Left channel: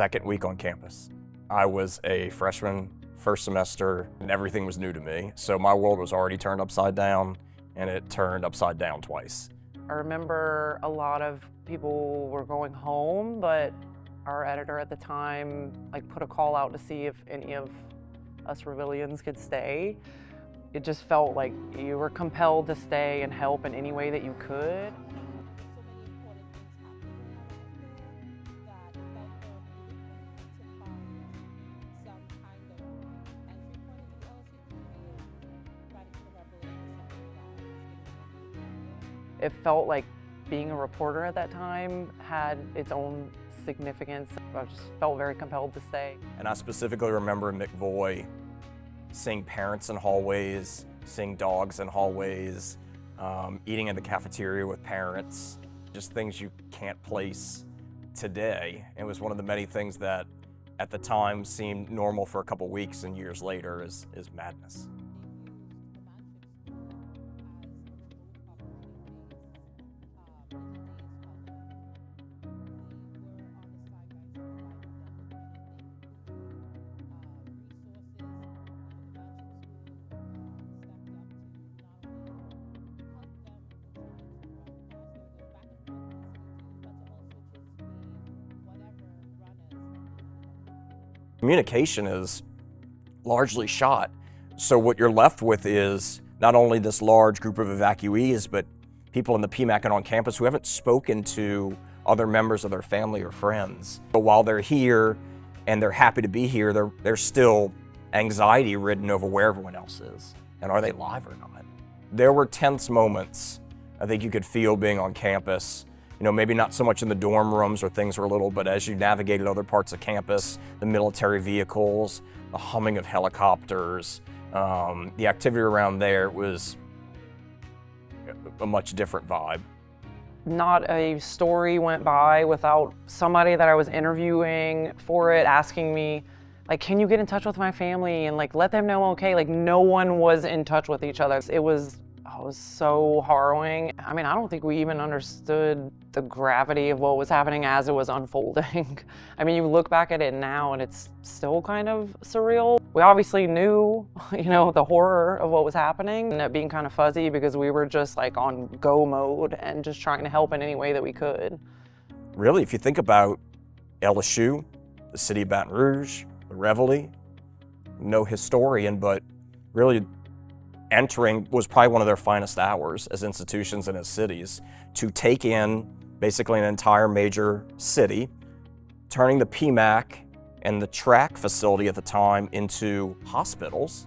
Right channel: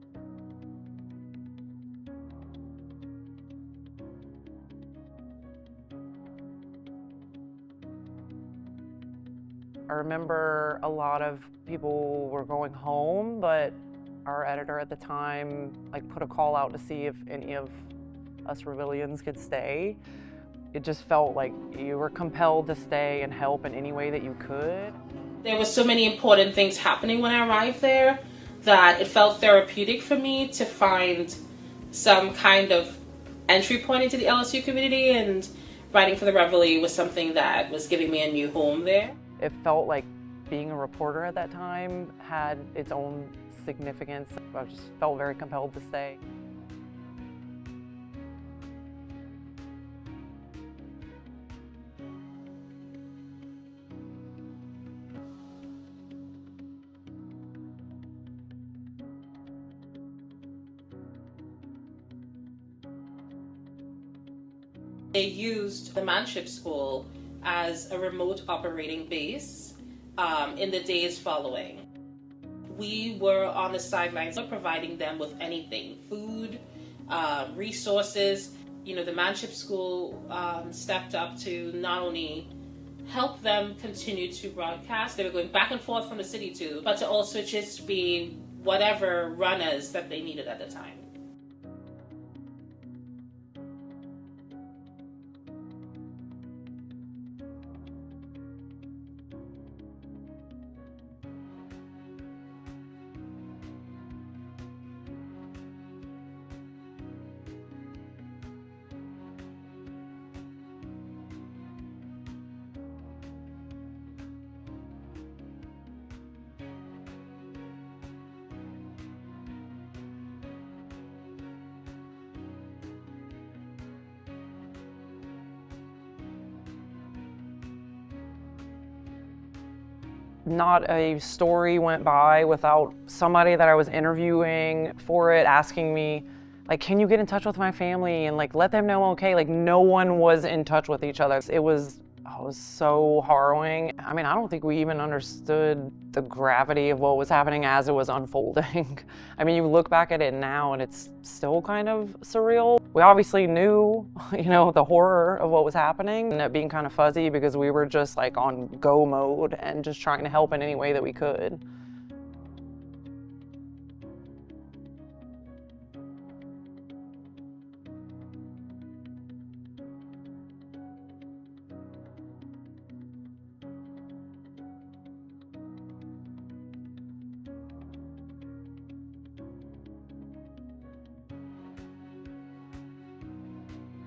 second week on campus. I was a freshman, first semester, and everything was new to me. So my world was already turned upside down, and it turned upside down twice. I remember a lot of people were going home, but our editor at the time put a call out to see if any of us Reveillians could stay. It just felt like you were compelled to stay and help in any way that you could. There were so many important things happening when I arrived there that it felt therapeutic for me to find some kind of entry point into the LSU community, and writing for the Reveille was something that was giving me a new home there. It felt like being a reporter at that time had its own significance. I just felt very compelled to stay. And I specifically remember in McVoy seeing parents in hallways, seeing dogs in hallways, eating in the cafeteria with parents, just things you can't place today. It was one of the many things that at the time seemed normal for a couple weeks, and years later is madness. They used the Manship School as a remote operating base in the days following. We were on the sidelines providing them with anything, food, resources. You know, the Manship School stepped up to not only help them continue to broadcast, they were going back and forth from the city too, but to also just be whatever runners that they needed at the time. Communication is largely shot. So what you're left with is not only this large group of evacuees, but people in the PMAC and on campus who haven't spoken to other members of their family or friends. But while they're here and they're happy to be here, they're still anxiety ridden over where everyone else is. And are they live or not? There were tense moments I think you could feel being on campus. You know, maybe not so much in the dorm rooms where things were little, but as you navigated other parts of campus, the military vehicles, the humming of helicopters, the activity around there was a much different vibe. Not a story went by without somebody that I was interviewing for it asking me, can you get in touch with my family and let them know okay? No one was in touch with each other. It was so harrowing. I mean, I don't think we even understood the gravity of what was happening as it was unfolding. I mean, you look back at it now and it's still kind of surreal. We obviously knew, the horror of what was happening, and it being kind of fuzzy because we were just on go mode and just trying to help in any way that we could. Really, if you think about LSU, the city of Baton Rouge, the Reveille, no historian, but really entering was probably one of their finest hours as institutions and as cities, to take in basically an entire major city, turning the PMAC and the track facility at the time into hospitals.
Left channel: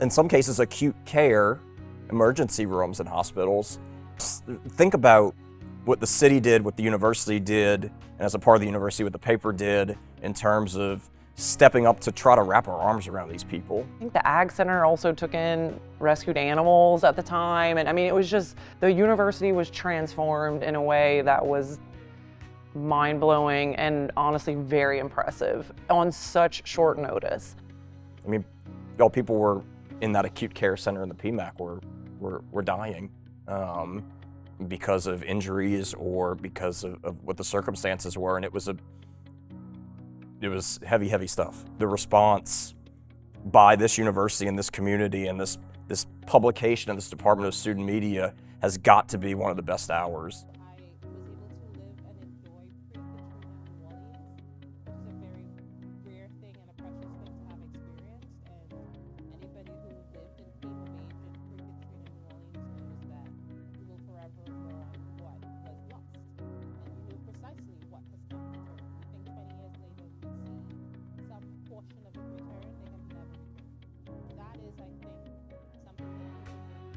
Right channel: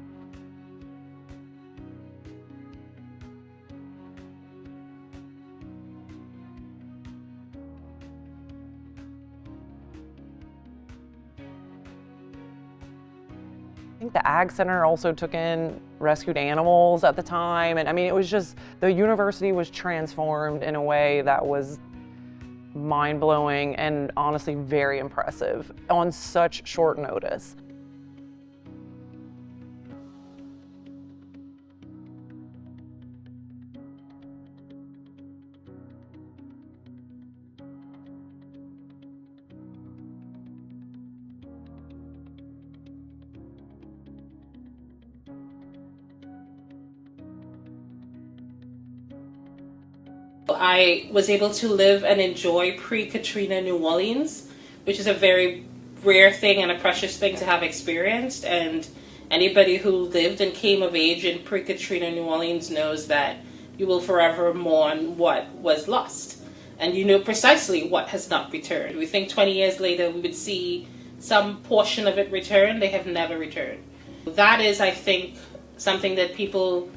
In some cases, acute care, emergency rooms in hospitals. Think about what the city did, what the university did, and as a part of the university, what the paper did in terms of stepping up to try to wrap our arms around these people. I think the Ag Center also took in rescued animals at the time. And I mean, it was just, the university was transformed in a way that was mind-blowing and honestly very impressive on such short notice. I mean, all people were in that acute care center in the PMAC were dying because of injuries or because of what the circumstances were, and it was heavy, heavy stuff. The response by this university and this community and this publication and this Department of Student Media has got to be one of the best hours. I was able to live and enjoy pre-Katrina New Orleans, which is a very rare thing and a precious thing to have experienced. And anybody who lived and came of age in pre-Katrina New Orleans knows that you will forever mourn what was lost. And you know precisely what has not returned. We think 20 years later we would see some portion of it return. They have never returned. That is, I think, something that people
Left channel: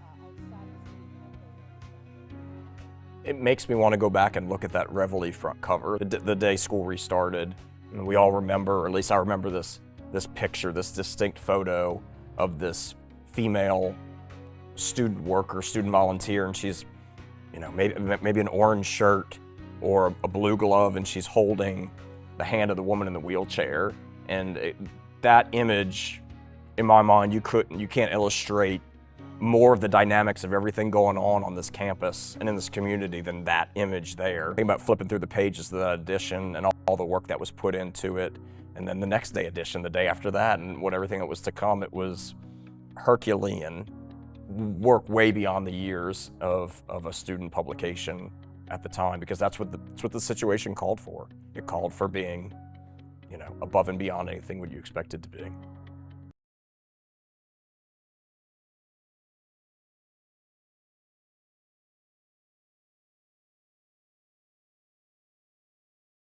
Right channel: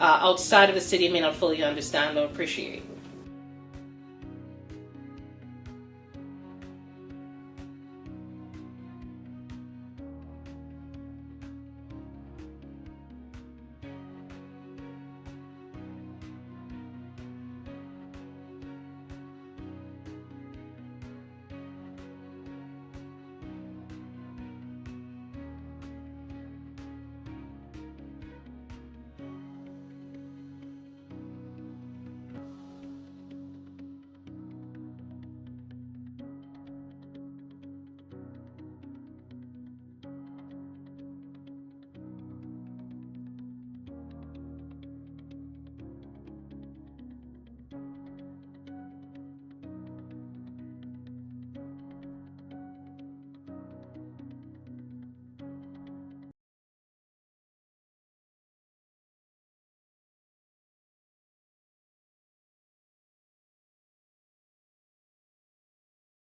outside of the city may not fully understand or appreciate. It makes me want to go back and look at that Reveille front cover. The day school restarted, and we all remember, or at least I remember this picture, this distinct photo of this female student worker, student volunteer, and she's, maybe an orange shirt or a blue glove, and she's holding the hand of the woman in the wheelchair. And that image, in my mind, you can't illustrate more of the dynamics of everything going on this campus and in this community than that image there. Think about flipping through the pages of that edition and all the work that was put into it, and then the next day edition, the day after that, and everything that was to come. It was Herculean work, way beyond the years of a student publication at the time, because that's what the situation called for. It called for being, above and beyond anything what you expect it to be.